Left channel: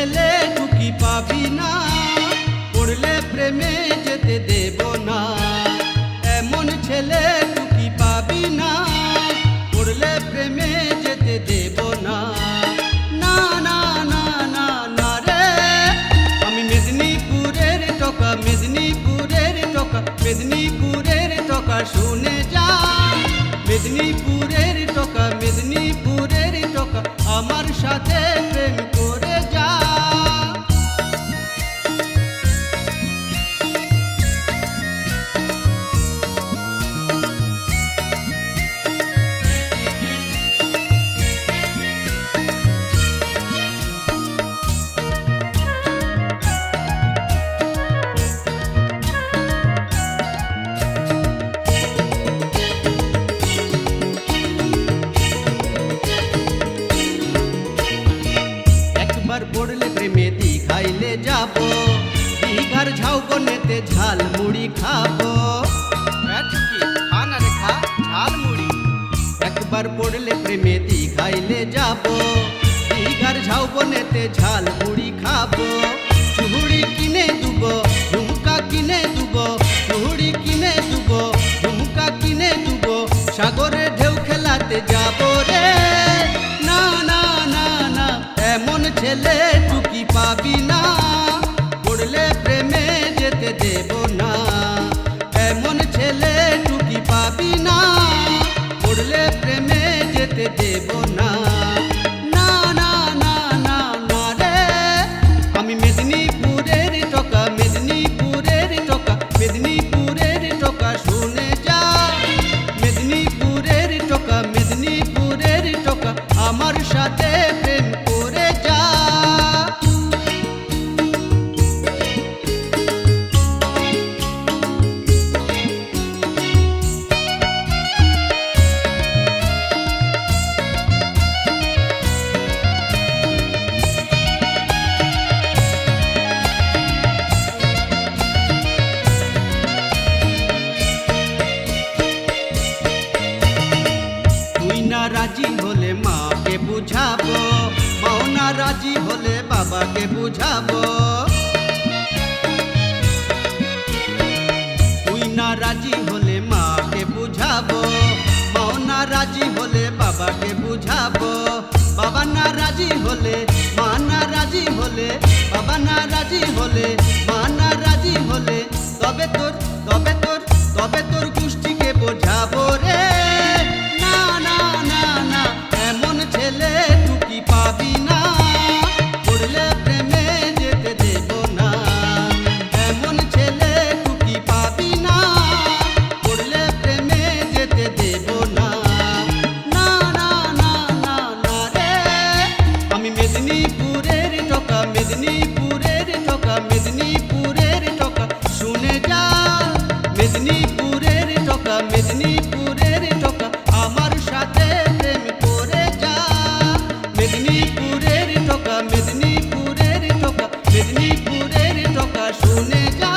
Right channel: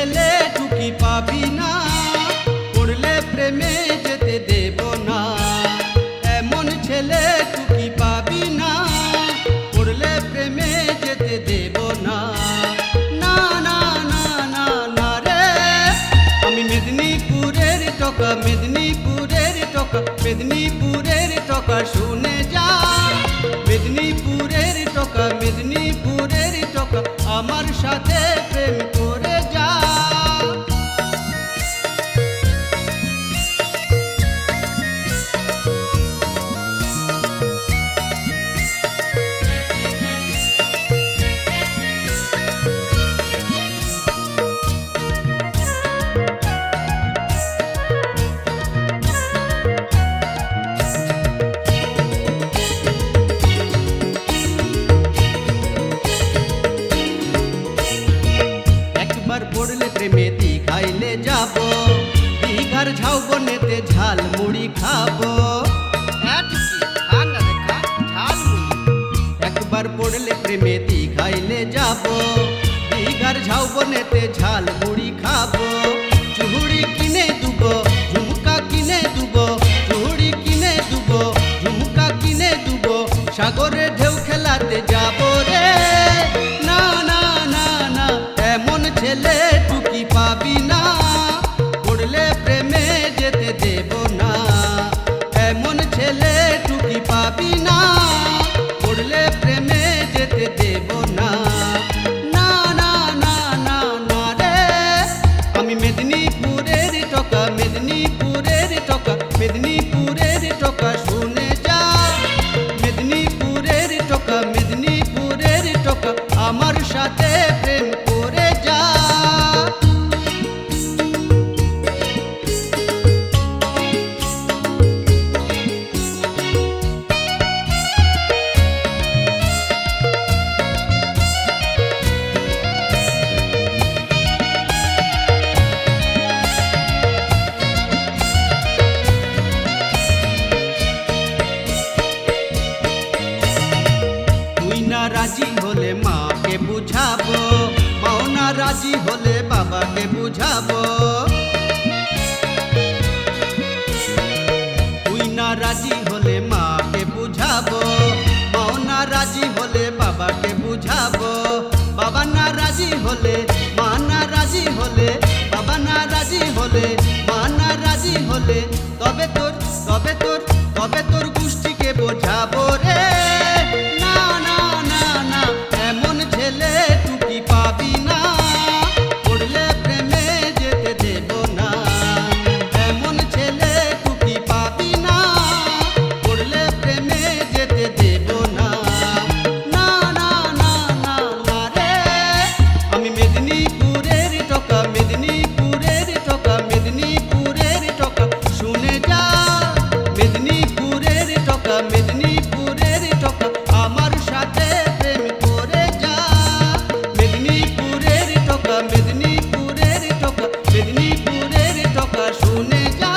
টুকি পাবি না, পড়লে প্রেমে যেতে দেব না। এমন ছেলে টুকি পাবি না, পড়লে প্রেমে যেতে দেব না। না না না না না রে, আমি মেদিনীপুরের টকা মেদিনীপুরের টকা মেদিনীপুরের টকা শুনে যা। মেদিনীপুরের টকা মেদিনীপুরের টকা আমার সাথে প্রেম করে যা। দীঘার ঝাউবনেতে ঝাল মুড়ি খাব। একবার পড়লে প্রেমে দীঘাইলে যাব। দীঘার ঝাউবনেতে ঝাল মুড়ি খাব। চুহুড়ি কিনে দুব, ঝুমকা কিনে দুব, চুহুড়ি কিনে দুব, ঝুমকা কিনে দুব, সাগরে ঢেউ খেলাতে যাব রে। না না না না, এমন ছেলে টুকি পাবি না। দেব না। এমন ছেলে টুকি পাবি না। পড়লে প্রেমে যেতে দেব না। না না না না না রে। আমি মেদিনীপুরের টকা মেদিনীপুরের টকা মেদিনীপুরের টকা শুনে যা। মেদিনীপুরের টকা মেদিনীপুরের টকা, আমার সাথে রাজি হলে মাকে বুঝাবো মাও না রাজি হলে বাবাকে বুঝাবো তুই না রাজি হলে মাকে বুঝাবো মাও না রাজি হলে বাবাকে বুঝাবো বাবা না রাজি হলে মা না রাজি হলে বাবা না রাজি হলে মা না রাজি হলে তবে তোর তবে তোর তবে তোর গোষ্ঠীকে বোঝাবো রে মেদিনীপুরের টকা মেদিনীপুরের টকা শুনে যা। মেদিনীপুরের টকা মেদিনীপুরের টকা আমার সাথে প্রেম করে যা। মেদিনীপুরের টকা মেদিনীপুরের টকা মেদিনীপুরের টকা শুনে যা।